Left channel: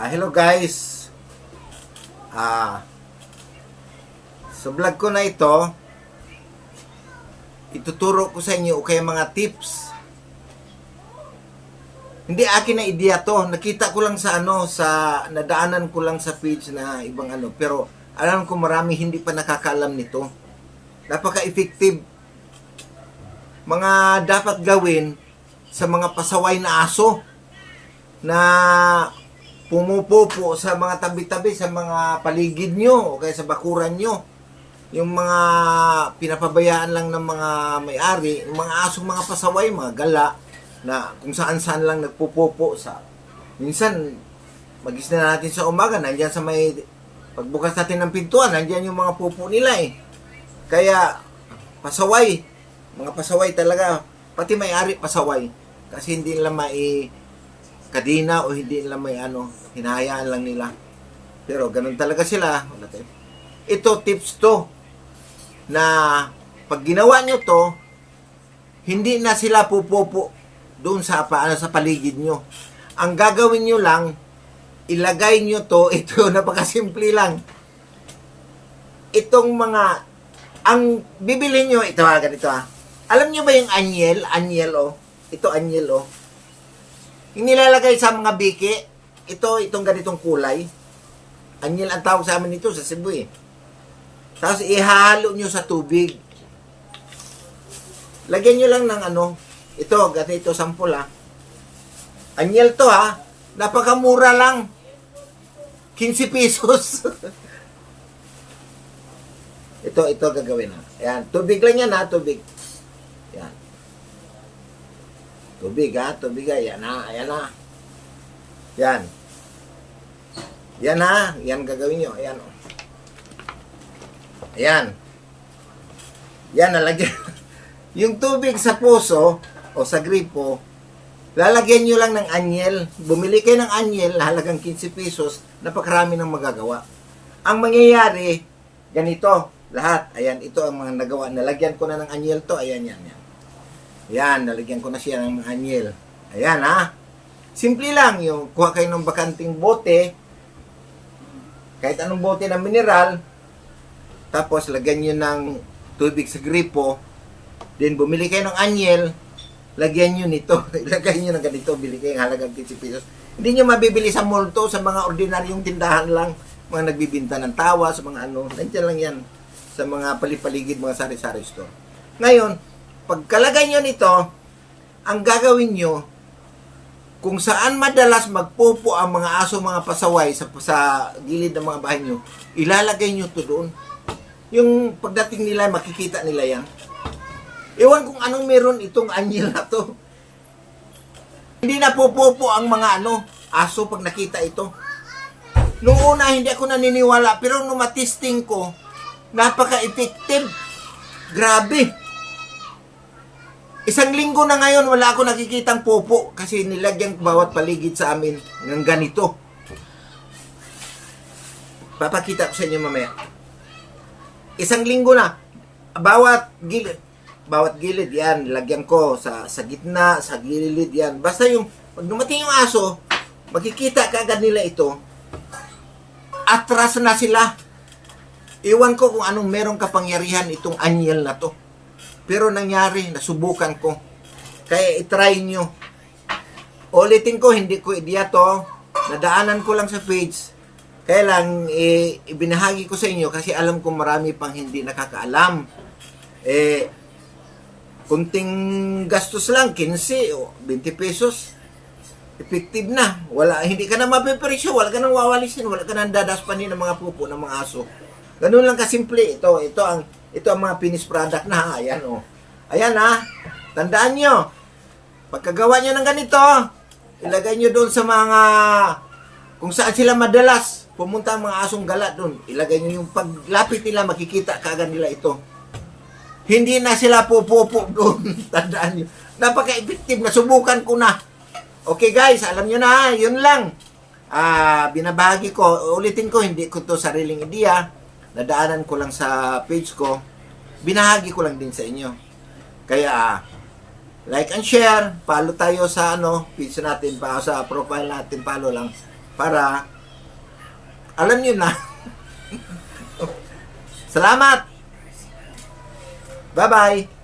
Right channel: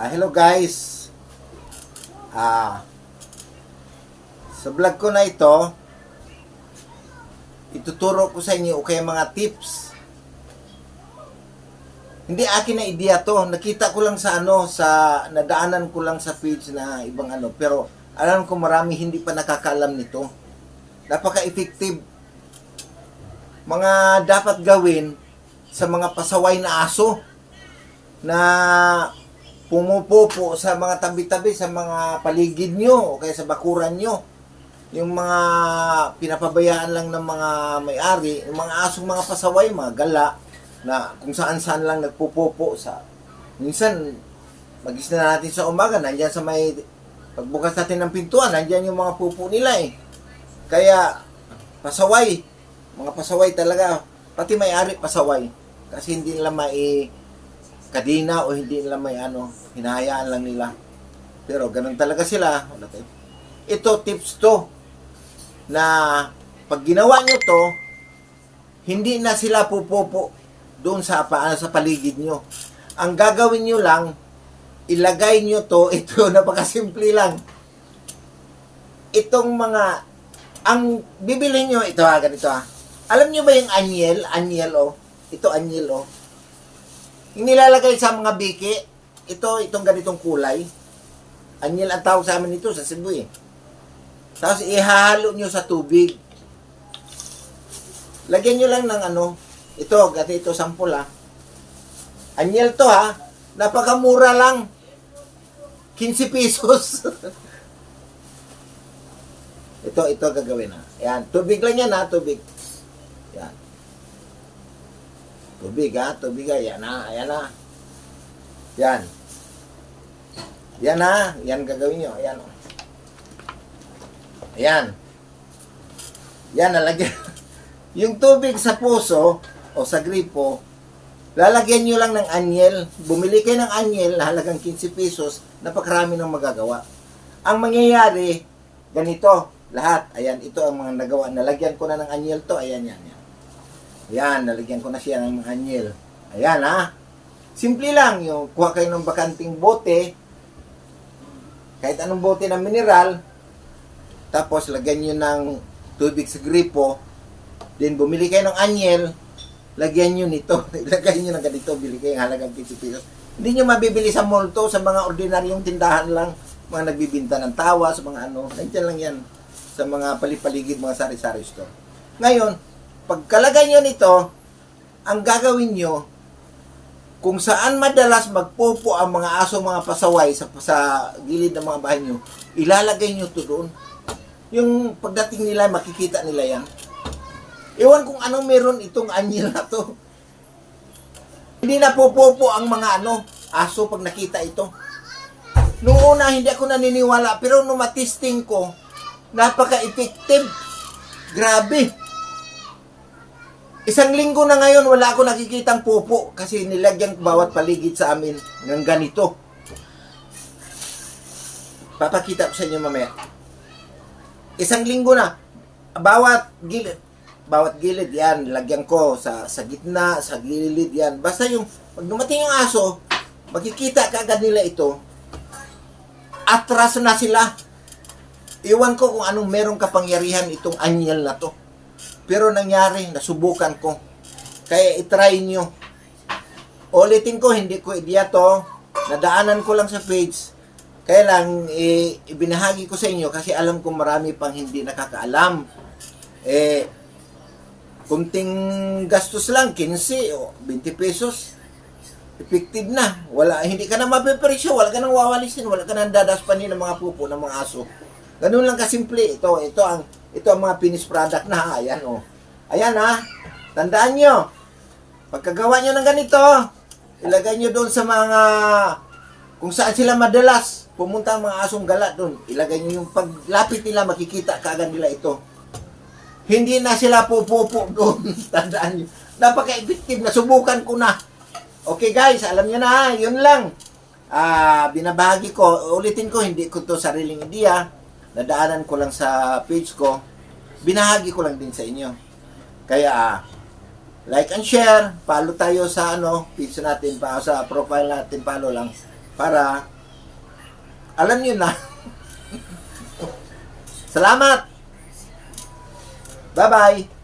Hello guys. Ah, sa vlog ko na ito, ituturo ko sa inyo o kaya mga tips. Hindi akin na ideya to. Nakita ko lang sa nadaanan ko lang sa page na ibang pero alam ko marami hindi pa nakakaalam nito. Napaka-effective. Mga dapat gawin sa mga pasaway na aso na pumupupo sa mga tabi-tabi, sa mga paligid nyo, o kaya sa bakuran nyo. Yung mga pinapabayaan lang ng mga may-ari, yung mga asong mga pasaway, mga gala, na kung saan-saan lang nagpupupo sa... Minsan, magising na natin sa umaga, nandiyan sa may... Pagbukas natin ng pintuan, nandiyan yung mga pupo nila eh. Kaya, pasaway. Mga pasaway talaga. Pati may-ari, pasaway. Kasi hindi nila kadina o hindi nila may hinahayaan lang nila. Pero ganun talaga sila. Ito, tips to, na pag ginawa nyo to, hindi na sila pupupo doon sa paligid nyo. Ang gagawin nyo lang, ilagay nyo to, ito, napakasimple lang. Itong ang bibili nyo, ito ganito Alam nyo ba yung anyel Ito anyel Yung nilalagay sa mga biki, itong ganitong kulay. Anyel ang tawag sa amin ito sa Cebu eh. Tapos ihahalo nyo sa tubig. Lagyan nyo lang ng ito, ganito sample Anyel to napakamura lang. 15 pesos. ito gagawin Ayan, tubig lang yan tubig. Ayan. Tubig ayan na. Yan. Yan gagawin nyo. Ayan Ayan. Yan nalagyan. Yung tubig sa puso o sa gripo, lalagyan nyo lang ng anyel. Bumili kayo ng anyel, halagang 15 pesos, napakarami ng magagawa. Ang mangyayari, ganito, lahat. Ayan, ito ang mga nagawa. Nalagyan ko na ng anyel to. Ayan. Ayan, nalagyan ko na siya ng anyel. Ayan Simple lang, yung kuha kayo ng bakanting bote, kahit anong bote ng mineral, tapos lagyan nyo ng tubig sa gripo, then bumili kayo ng anyel, lagyan nyo nito, ilagay nyo ng ganito, bili kayo ng halagang 15 pesos. Hindi nyo mabibili sa mall to, sa mga ordinaryong tindahan lang, mga nagbibinta ng tawa, sa mga nandiyan lang yan, sa mga palipaligid, mga sari-sari store. Ngayon, pagkalagay nyo nito, ang gagawin nyo, kung saan madalas magpupo ang mga aso, mga pasaway sa gilid ng mga bahay nyo, ilalagay nyo to doon. Yung pagdating nila, makikita nila yan. Ewan kung anong meron itong anyel na to. Hindi na pupupo ang mga aso pag nakita ito. Noong una, hindi ako naniniwala, pero nung matisting ko, napaka-effective. Grabe. Isang linggo na ngayon, wala ako nakikitang pupo kasi nilagyan bawat paligid sa amin ng ganito. Papakita ko sa inyo mamaya. Isang linggo na, bawat gilid yan, nilagyan ko sa gitna, sa gilid yan. Basta pag dumating yung aso, makikita kaagad nila ito, atras na sila. Iwan ko kung anong merong kapangyarihan itong anyel na to. Pero nangyari, nasubukan ko. Kaya itry nyo. Ulitin ko, hindi ko ideya to. Nadaanan ko lang sa page. Kaya lang, ibinahagi ko sa inyo kasi alam ko marami pang hindi nakakaalam. Kunting gastos lang, 15 o 20 pesos. Effective na. Hindi ka na mapipresyo, wala ka nang wawalisin, wala ka nang dadaspanin ng mga pupo ng mga aso. Ganun lang kasimple. Ito ang mga finished product na Ayan Ayan Tandaan nyo. Pagkagawa nyo ng ganito, ilagay nyo doon sa mga kung saan sila madalas pumunta ang mga asong gala doon. Ilagay nyo yung paglapit nila, makikita kaagad nila ito. Hindi na sila pupupo doon. Tandaan nyo. Napaka-effective. Nasubukan ko na. Okay guys, alam nyo na. Yun lang. Binabahagi ko. Ulitin ko, hindi ko to sariling ideya. Nadaanan ko lang sa page ko, binahagi ko lang din sa inyo. Kaya, like and share, follow tayo sa page natin, sa profile natin, follow lang. para alam nyo na. Salamat! Bye-bye!